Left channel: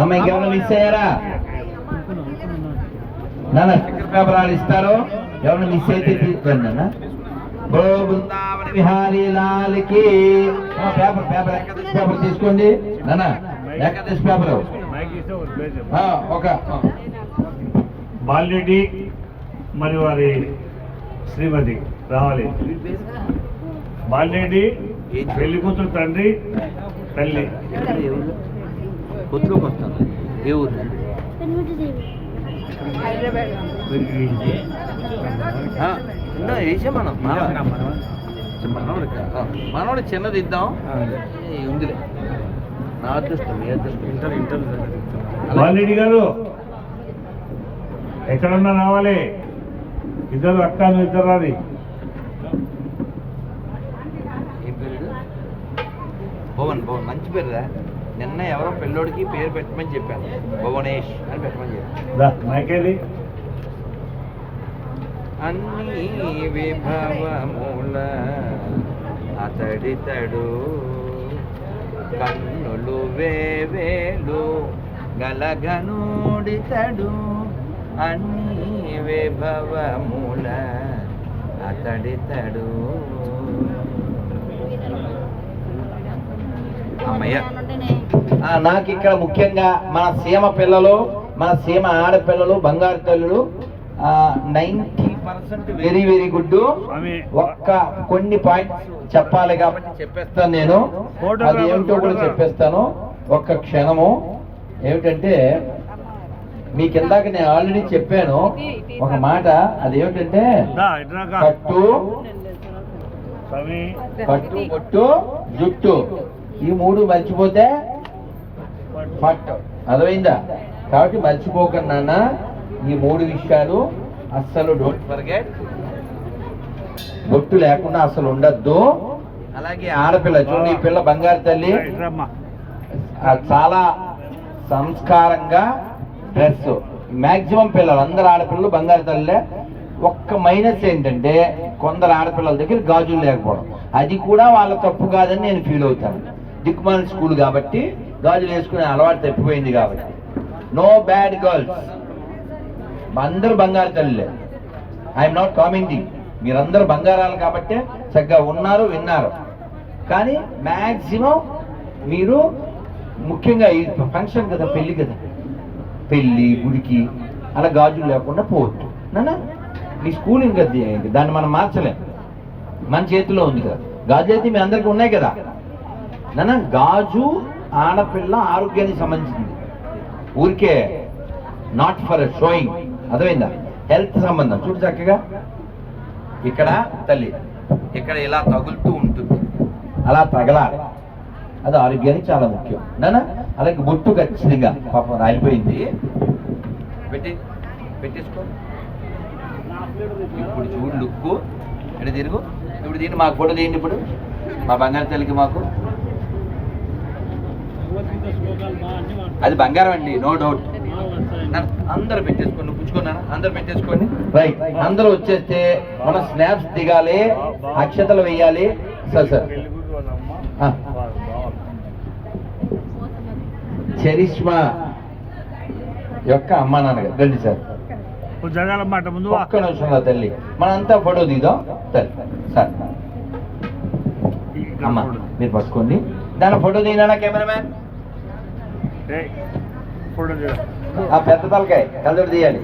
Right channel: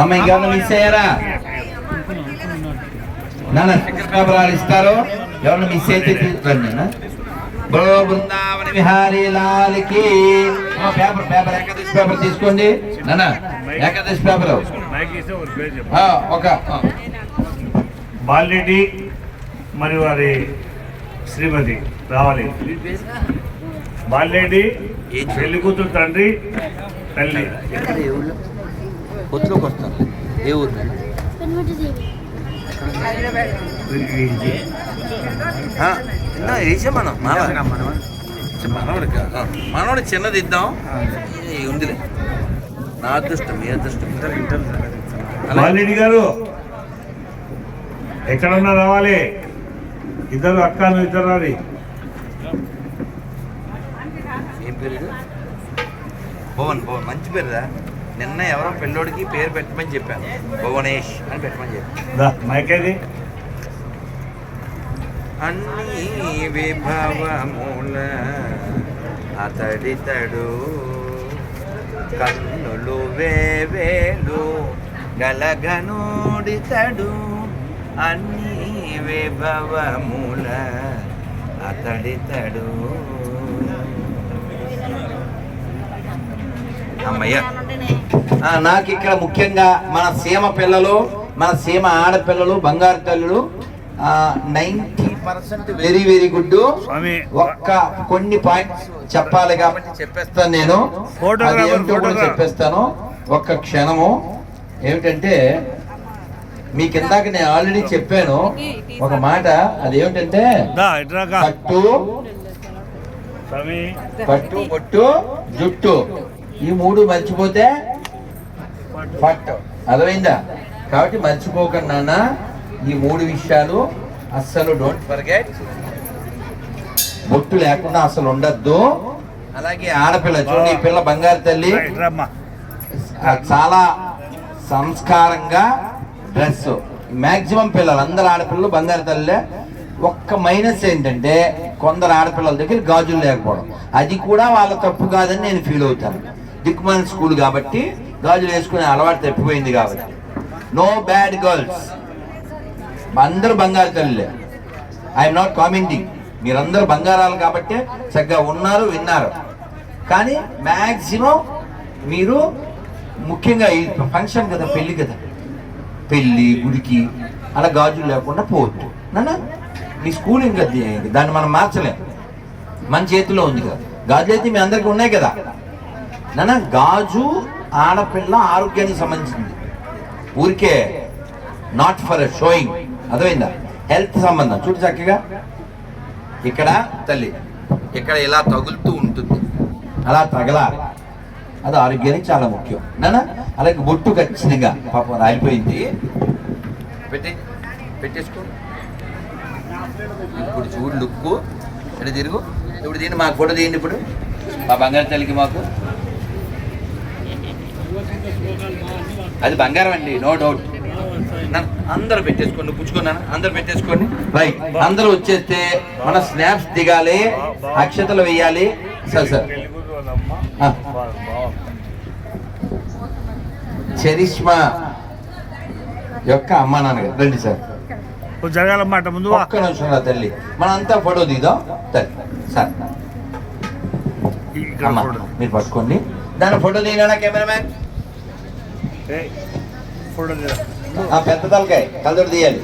అమ్మ ఇంకేమన్నా మిస్ అయ్యారా? నాన్న పేపర్ ఇస్తారు, ఎవరన్నా మిస్ అయితే తీసుకురండి నాన్న. బృందావన విహారీ లాల్కి పేపర్ ఏకాదశి పేపర్ తీసుకోండి నాన్న. ఏకాదశి పేపర్ ఒక బాలరెడ్డి మరియు వారి శ్రీమతి రావాలి. బాలరెడ్డి పెళ్లి కూతురు తండ్రి తల్లి. కొత్తలోకి వస్తాను. ఏ ఊరు? వేసా మనం మనోడు చిన్నది ఇద్దాం. ఉందిలే, నా అదృష్టం మీ అదృష్టం. బాలరెడ్డి గారు ఎక్కడున్నా రావాలి. ఇద్దరు అక్కలు ఇద్దరు రాలి. ఏం పేరు? భువన్. మంచి పేరురా. నిన్న ఎవరో పెళ్ళోడికి పేరు పెట్టమని చెప్పాను, భువనేష్ అని పెట్టమని చెప్పాను. అన్ని విభవముల అతడితడు, కన్నులు వేవేలు గలగనుడితడు. అన్ని విభవముల అతడితడు. అమ్మయ్య. నాకు ఇక్కడ ముఖ్యంగా మన సీమ పిల్లలు, మన సీమ ఆడపిల్లలు, బంగారు తల్లులు 90% వెరీ వెరీ గుడ్. ఒక్క కొన్ని పాయింట్స్ చెప్పాలి కాబట్టి చెప్పేస్తాను నేను. అదేమిటో కూడా చెప్పేస్తాను. ఒక్క క్షణము. ఏమిటంటే మీకు ఇందాక నేను ఆల్రెడీ చెప్పాను ఒక మాట. అదేమిటంటే పట్టు పొట్టు జుట్టు, ఈ మూడు మర్చిపోతే పట్టు. అర్థమైందా? కాబట్టి మర్చిపోకుండా ఈ మూడు విషయాలు అస్సలు డోంట్ ఫర్గెట్. బొట్టు లేకుండా అసలు ఉండద్దు. అలాగే ఆడపిల్ల చూడండి, ఈ పిల్ల బంగారు తల్లి, చాలా సంస్కారంగా డ్రెస్. మ్యాక్సిమం పిల్లలు అందరు ఆడపిల్లలు బంగారు తల్లే. ఒక్క మైనస్ ఏంటంటే కొందరు ఆడపిల్లల దగ్గర గాజులు లేకపోవడం. అది కూడా వాళ్ళ తప్పు కాదని నేను ఫీల్ అవుతాను. దిక్కుమాల స్కూల్ కాబట్టి గాజులు వేసుకునే అలవాటు తప్పిపోయింది కాబట్టి. నో బ్యాడ్ గర్ల్స్, అందరూ బంగారు తల్లిలే. I'm not commenting. మీరందరూ బంగారాలు కాబట్టి చక్కగా ఉన్నారు, విన్నారు. కానీ మ్యాక్సిమం మీరు ముఖ్యంగా ఈ ఫంక్షన్ కదా, పెళ్ళి కదా, పెళ్ళి గుడికి అలా గాజులు లేకుండా పోవద్దు నాన్న. మీ స్కూల్ ఇంకా దాన్ని మనం మార్చలేం, మన చేతిలో ఉంది కదా. గాజులు అయితే మీ అందరికీ ఉన్నాయి కదా నాన్న. గాజు ఆడపిల్ల ఆరోగ్యానికి సంబంధించింది, ఊరికే నాట్ ఫర్ షోయింగ్. అర్థమైందా? హెల్త్ సంబంధం. చూడు చక్కగా ఇక్కడ తల్లి ఇక్కడ ఇలా తగులుతూ ఉంటుంది, అలా తగలాలి. అది ఆరోగ్యానికి చాలా ముఖ్యం నాన్న. అలాగే బొట్టు ఖచ్చితంగా పాపం రాలిపోయింది, పెట్టేసుకో. ఇప్పుడు చూడు లుక్కు ఎక్కడ తిరుగు. ఇప్పుడు దీన్ని మాకు ఫోటో తీయండి. ఇప్పుడు మా బంగారు తల్లికి మాకు అది బంగారం అండి, నో డౌట్. అందరూ పెట్టేసుకోండి, పుచ్చుకున్నాను. అందరూ పెట్టేసుకోండి. రైట్, అందరూ వచ్చేస్తే మన స్నాప్స్ దిగాలి, అక్షతలు వేయాలి. సార్ చరిష్మా యొక్క అమ్మా నాన్నగారు రండి సార్. జరగాలన్నమాట ముందు. ఒక్క నిమిషం రా తల్లి, మనంతా ఫోటో దిగుదాం. తల్లి సార్ అమ్మా మీరు పట్టుకోండి. దాని ఫోటో తీయనా కెమెరామ్యాన్? పెద్ద తలకాయ కలర్ తీయాలి.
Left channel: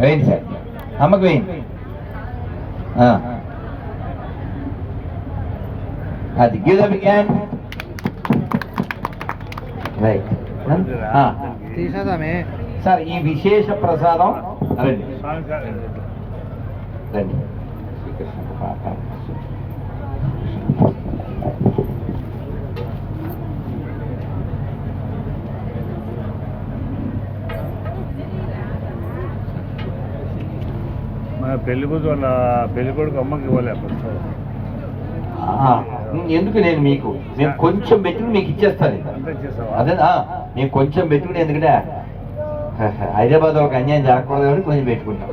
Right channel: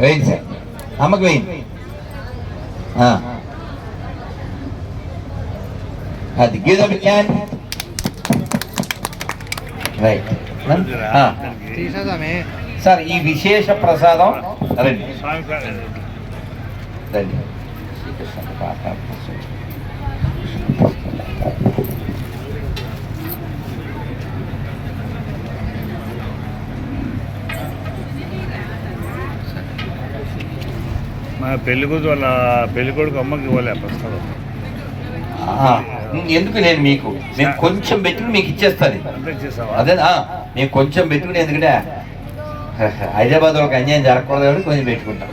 వేయండి సార్, అమ్మకు వేయండి. అది గీత రైట్ సార్. ఈ విశేష ప్రసాదం రండి రండి. పెళ్లి కూతురు వాళ్ళ పెళ్లి కొడుకు అమ్మకి ఇవ్వాలి. ఎందుకు నేను కొంచెం పెట్టుకుని మీకు ఇచ్చేస్తాను. అదేనా, నేను కొంచెం పెట్టుకుని, ఎందుకంటే హైదరాబాద్ ఒక అన్యాయం జరగకూడదు కాబట్టి కొంచెం పెట్టుకుంటాం.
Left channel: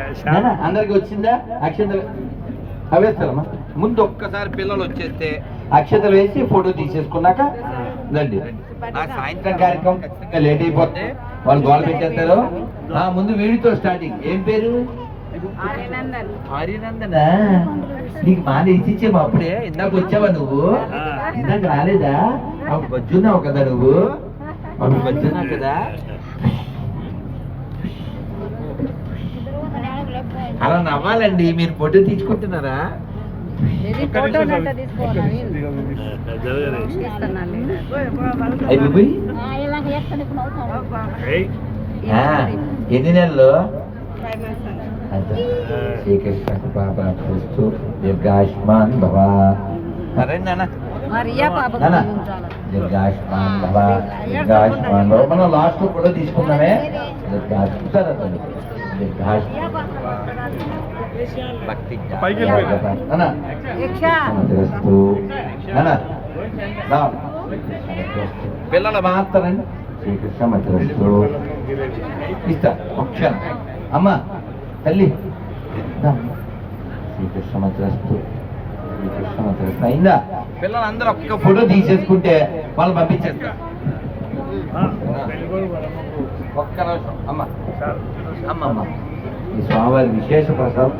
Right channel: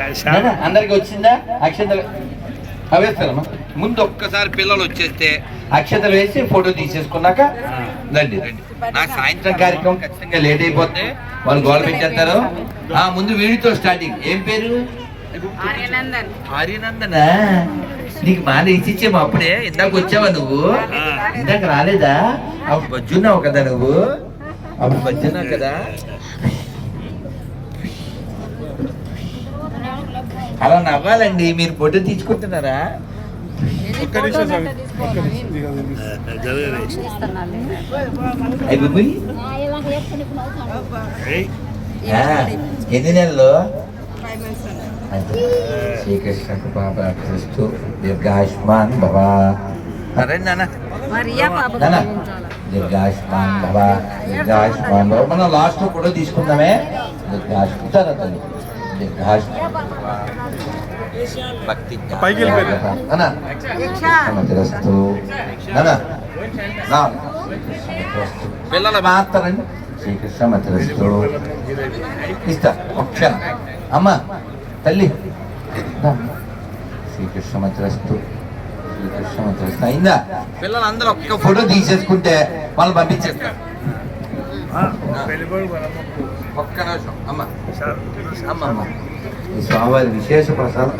నాన్న, అందరికి వచ్చిందా అక్షతలు అవేస్తారమ్మా. ముందు ఒక్కసారి పిల్లలు వచ్చేస్తే అక్షతలు వేసి ఫోటో తీసేసుకున్నాక రండి రండి. నా సాయంత్రం కార్యక్రమం ఖచ్చితంగా లేట్ అయిపోతే వాళ్ళు గోడ పెట్టేస్తారు. ముందు వీడితో స్టార్టింగ్. ఏం పేరు? ఆర్యనందనా? నీకు మాల ఇచ్చిచ్చేమో అప్పుడే. ఇందాక వచ్చావా నువ్వు? ఇందాక రాలేదా? అప్పుడు బజ్జున్నావు కదా నువ్వు. అప్పుడు బజ్జున్నావు కదా. అలా నవ్వాలండి. మీరు ఫోటో తీసుకుంటున్నారా? ఎన్ని నెలలు? శ్రీకృష్ణకు బాబా క్రీస్తు దీర్ఘాయుష్మాన్ బాబా. రండి నాన్న, దీర్ఘాయుష్మాన్ బాబా, దీర్ఘాయుష్మాన్ బాబా. మనం లాస్ట్ ఫోటో తీసుకుందామే. దీర్ఘాయుష్మాన్ దీర్ఘాయుష్మాన్ బాబా. భక్తి పిల్లల మాత్రని శ్రీకృష్ణ మధ్యరస్తు ఇస్తా. క్షణం అమ్మ తల్లి, శ్రీకృష్ణ మధ్యరస్తు, శ్రీకృష్ణ మధ్యరస్తు అయిందా? పిల్లలందరూ ఒక్క ఫోటో తీసేసుకుంటే వాళ్ళు పంపించేస్తారు. ఒక్క నిమిషం అమ్మ. అమ్మమ్మ, ఈ స్వామివారి విశేష ప్రసాదం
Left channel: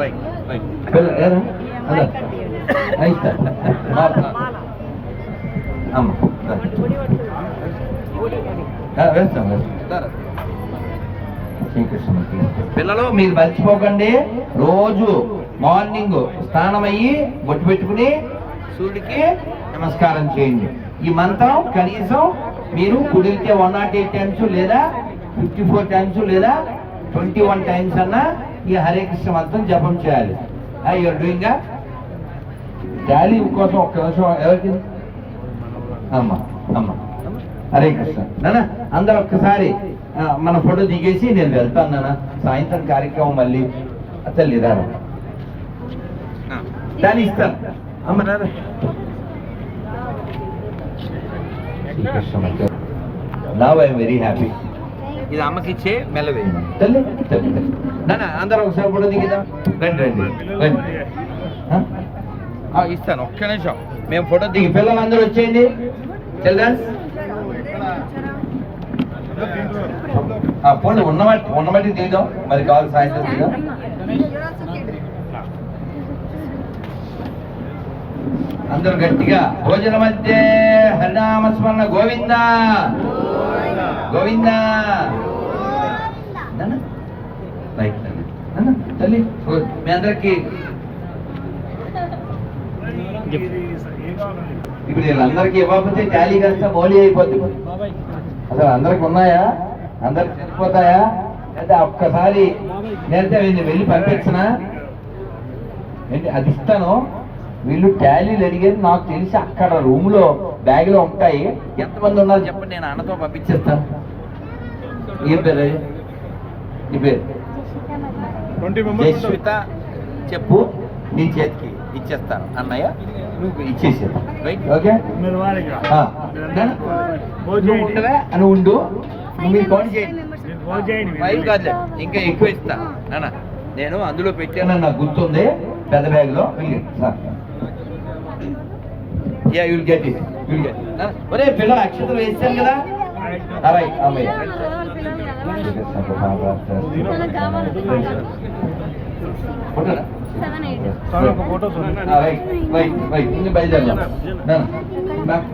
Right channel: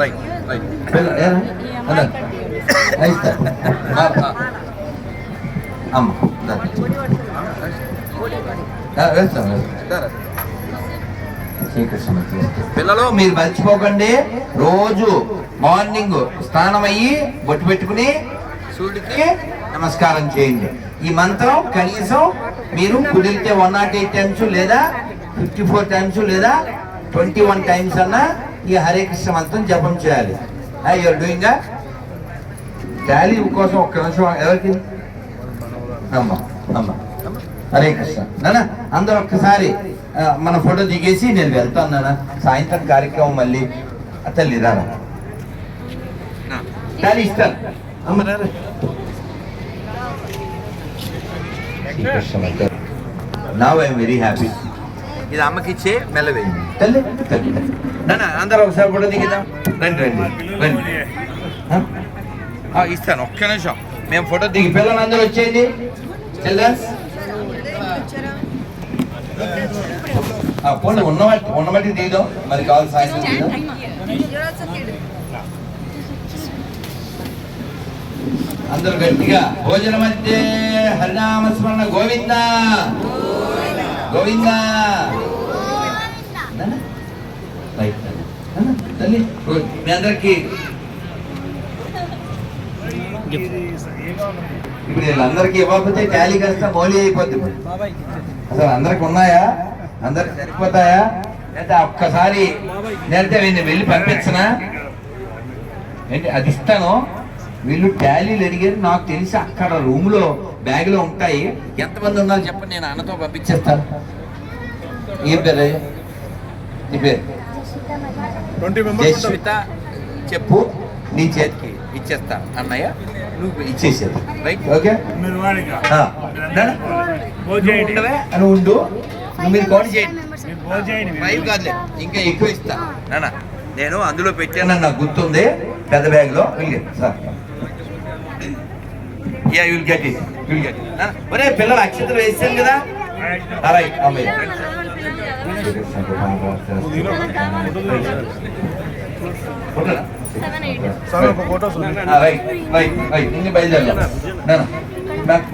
పిల్లలు మీరు మర్చిపోకండి. రోజు మార్నింగ్ స్నానం అయ్యి బొట్టు పెట్టుకుని సూర్యుడికి నమస్కారం చేయండి. ఈ మంత్రం కనీసం మీరు కుదిరితే 108 టైమ్స్ లేదా 54 టైమ్స్ లేదా 21 టైమ్స్ అన్నా ఈ హరే కృష్ణ మంత్రం జపం చేయాలి. యూఆర్ డూయింగ్ టాలీ కోసం ఒక్క నిమిషం. ఎవరికి? అమ్మ అమ్మ హరే కృష్ణ. నాన్న అందరూ ఒక్కసారి మన ఫోటో దిగేసి నేను వెళ్తాను నాన్న. సాయంత్రం కార్యక్రమం మళ్ళీ తల్లి రాను టాలీ ఇస్తాను. అమ్మ రా. Now I'm very happy. ఇది అమ్మకి ఇచ్చే మెల్లవేయండి తల్లి తల్లి. నాన్న అందరూ ఒకసారి ఫోటో దిగుదాం. రండి రండి రండి. ఇస్తాను ఒక్క నిమిషం. మేము ఫోటో దిగి పిల్లలందరూ వచ్చేయండి. చిల్డ్రన్స్ పోనీ ఉన్నమట్టి దిగుదాం. మరి కావాలి సాయంత్రం దిగుదాం. అందరూ గట్టిగా భోజనం అంటే హరినామస్మరణ గోవింద గోవింద. తల్లి మీ అందరికి ఇప్పుడు వీళ్ళందరికీ ఇవ్వకపోతే టాలీ కాస్త మోలీ అయిపోద్ది. అసలు అందరికి ఉన్నాయా? అందరికి సరిపోతాయా? అయితే ఒక్కసారి నేనైతే వెళ్ళి పంపించనా ఏంటి? అది ఇస్తాను. వీళ్ళు టాలీలు అడిగారు. నాకు తెలిసి అక్కడ రూమ్లో బ్యాగ్లో ఉంటాయి. ఎంతమంది ఉన్నారో చెప్పండి, నేను అన్నతో పంపించేస్తాను. ఏం పేరు? నీ పేరు? జయశ్విత. చెప్పు, నీ చేతికి ఇచ్చేస్తాను. అన్నయ్య నువ్వు ఇచ్చేసేది. Right, okay. అని ఉండు. మీరు కౌంట్ చేయండి. 5 కాదులే, ఇంకా ఎక్కువ ఇస్తా నాన్న. నేను అందులో పెట్టానని నాకు గుర్తుంది, పెద్ద బ్యాగ్లో. Sir yeah you'll get it, you'll get it. ఒరే పిల్లలు అక్షతలు వేసాను కదా. రైట్ అమ్మాయి. Right right right. ఇంక బయలుదేరదాం.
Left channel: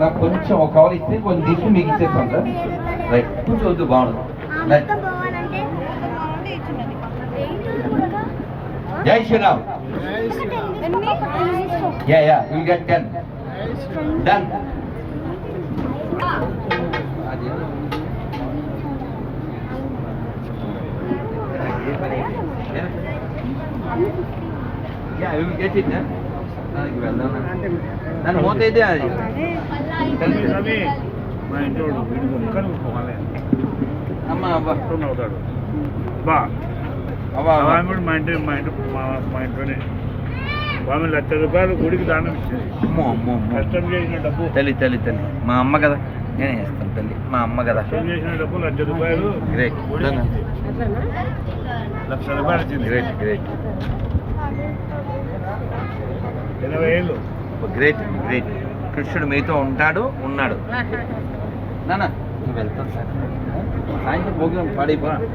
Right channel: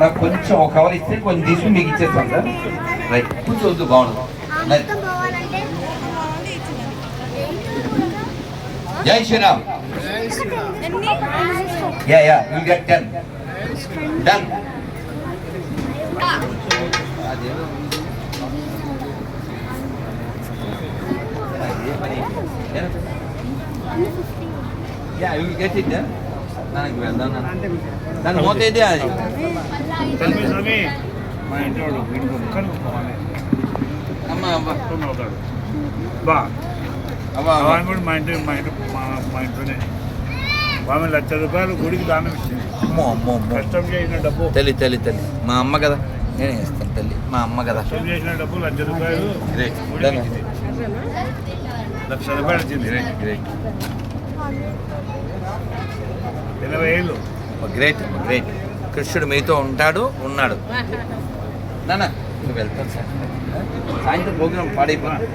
నాకు కొంచెం ఒక కవర్ ఇస్తే కొంచెం తీసుకుని మీకు ఇచ్చేస్తాను సార్. రైట్, కూర్చోవద్దు, బాగుంది. జై Shriram. Ya ya you get 10. Done. Ya you get it. నాకు వెళ్దాం. నన్ను మోతైతే అది అమ్మా అబ్బా బా అమ్మా మా ఇంట్లోనే ఆమె 1,00,000 రూపాయలు గుడికి దానం ఇచ్చింది. అమ్మో అమ్మో అమ్మో. కష్టం చేసిన డబ్బు. తల్లి తల్లి తల్లి మా అమ్మ కదా, నేనే ఇస్తాను తల్లి, మా అమ్మ కదా. కష్టం చేసిన డబ్బు 1,00,000 రూపాయలు. రైట్. 1,00,000 వచ్చింది. 80 ఏళ్ళు. Great great. కృష్ణుడు మీతో ఉన్నాడు. నాన్న నువ్వు వెళ్తాను సార్, సాయంత్రం ప్రోగ్రాం పాడైపోతుంది.